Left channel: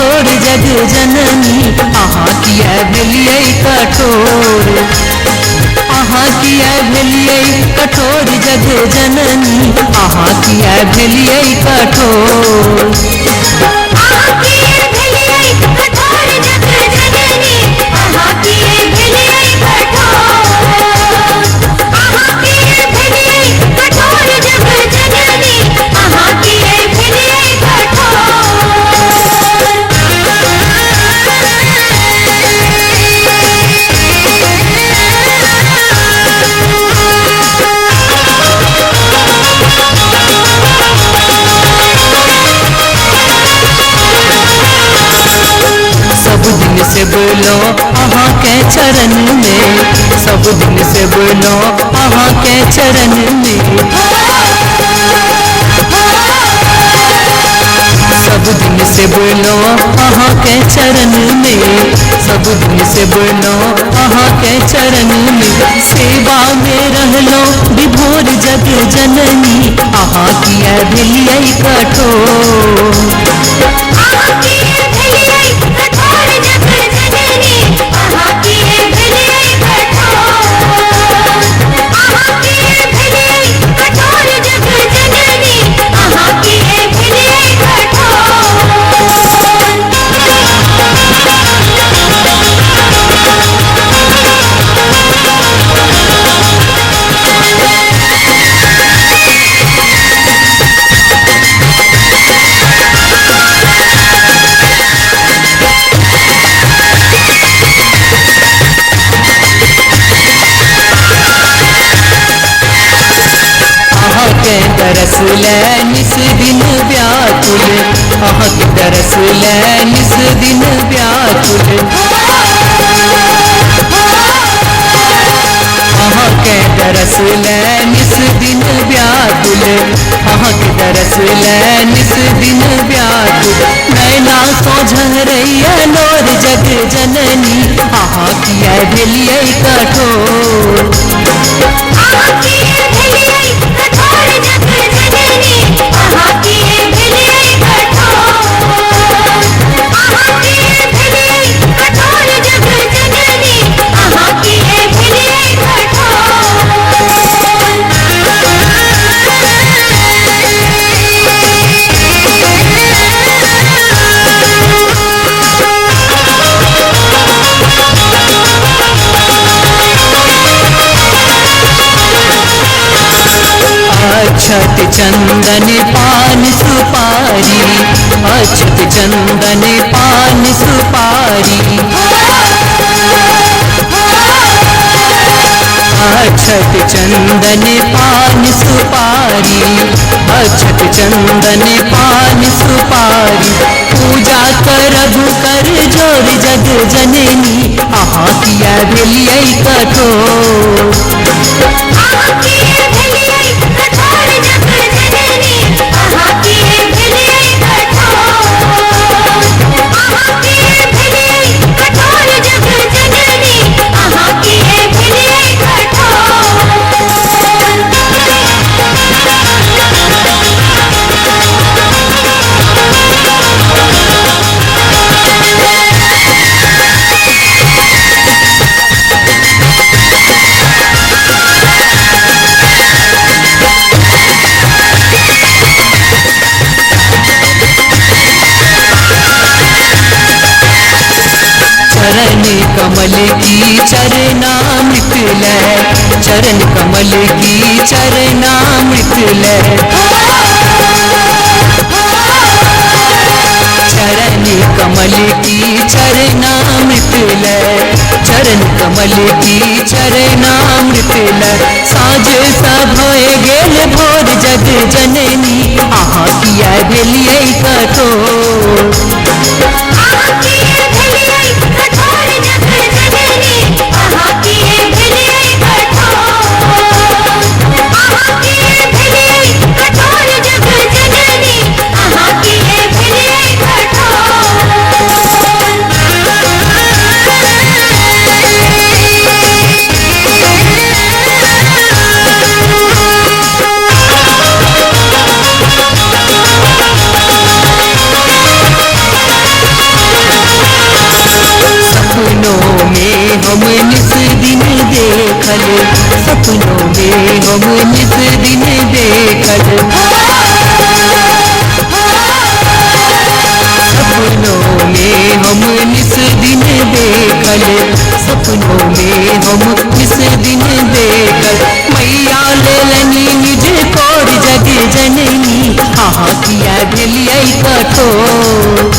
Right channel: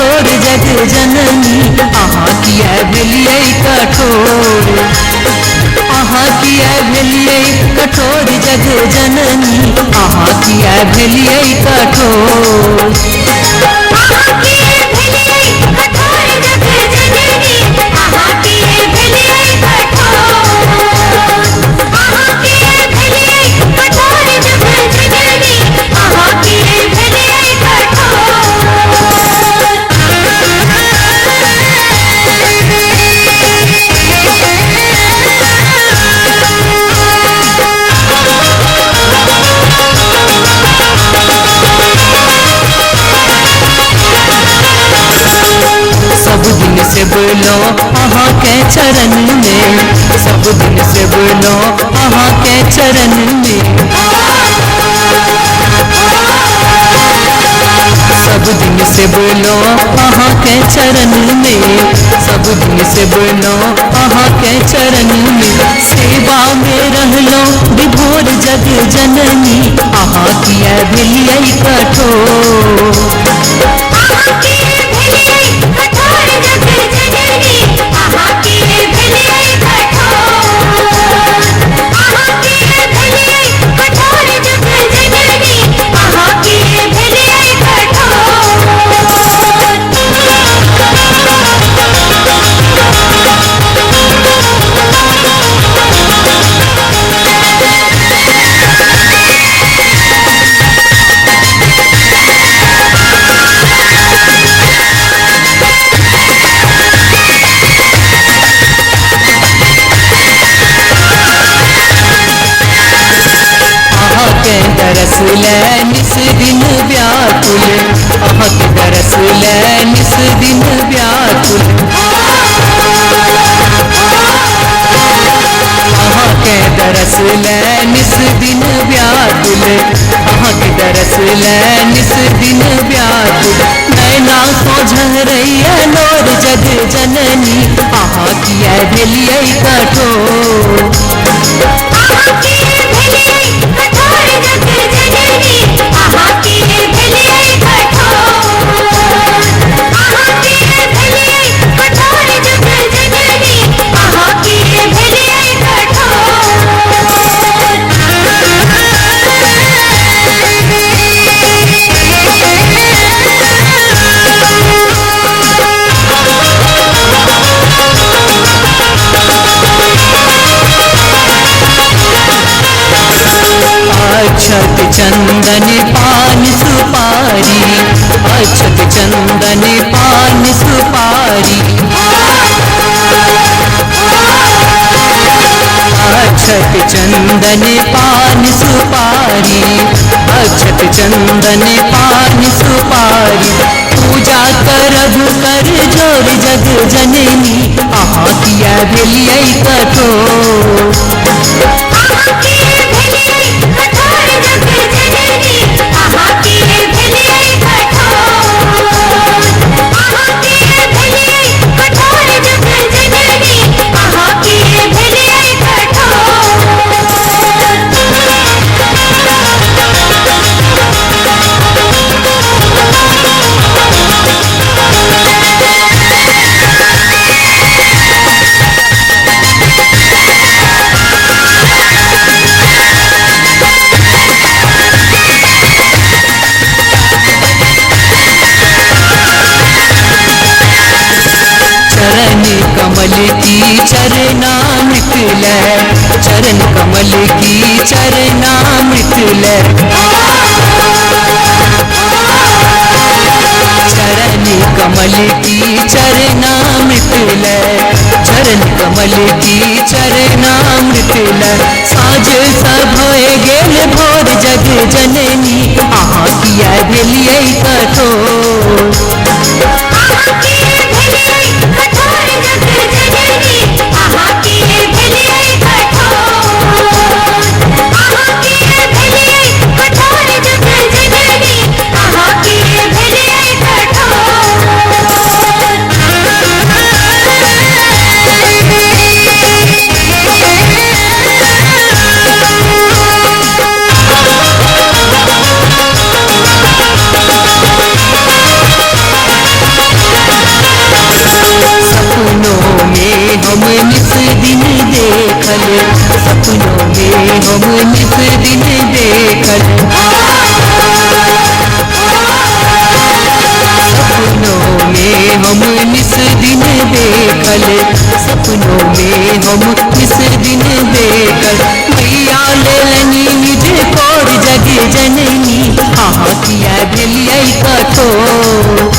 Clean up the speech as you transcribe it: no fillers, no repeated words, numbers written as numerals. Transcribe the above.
कठोर जग जननी अहाँ किया भेलियै कठोर, अहाँ किया भेलियै कठोर जग जननी अहाँ किया भेलियै कठोर। सब दिन से बोलो अहाँ के चरण में, सब दिन से बोलो अहाँ के चरण में, सब दिन से बोलो अहाँ के चरण में, सब दिन से बोलो अहाँ के चरण में। सेवा में रहलो विभोर जग जननी अहाँ किया भेलियै कठोर। के दरस ले निस दिन व्याकुल, अहाँ के दरस ले निस दिन व्याकुल, अहाँ के दरस ले निस दिन व्याकुल, अहाँ के दरस ले निस दिन व्याकुल। नैना तो झरैया नोर जग जननी अहाँ किया भेलियै कठोर। अक्षत चंदन पान सुपारी, अक्षत चंदन पान सुपारी, अक्षत चंदन पान सुपारी, अक्षत चंदन पान सुपारी। पूजा करब कर जोर जग जननी अहाँ किया भेलियै कठोर। चरण कमल की चरणामृत लै, चरण कमल की चरणामृत लै, चरण कमल की चरणामृत लै, चरण कमल की चरणामृत लै। साँझ सब भए गेल भोर जग जननी अहाँ किया भेलियै कठोर। हम निस दिन देखल, सपनों में हम निस दिन देखल, सपनों में हम निस दिन देखल, सपनों में हम निस दिन देखल। मैया लेलनी निज कोर जग जननी, आहा किया भेलियै कठोर,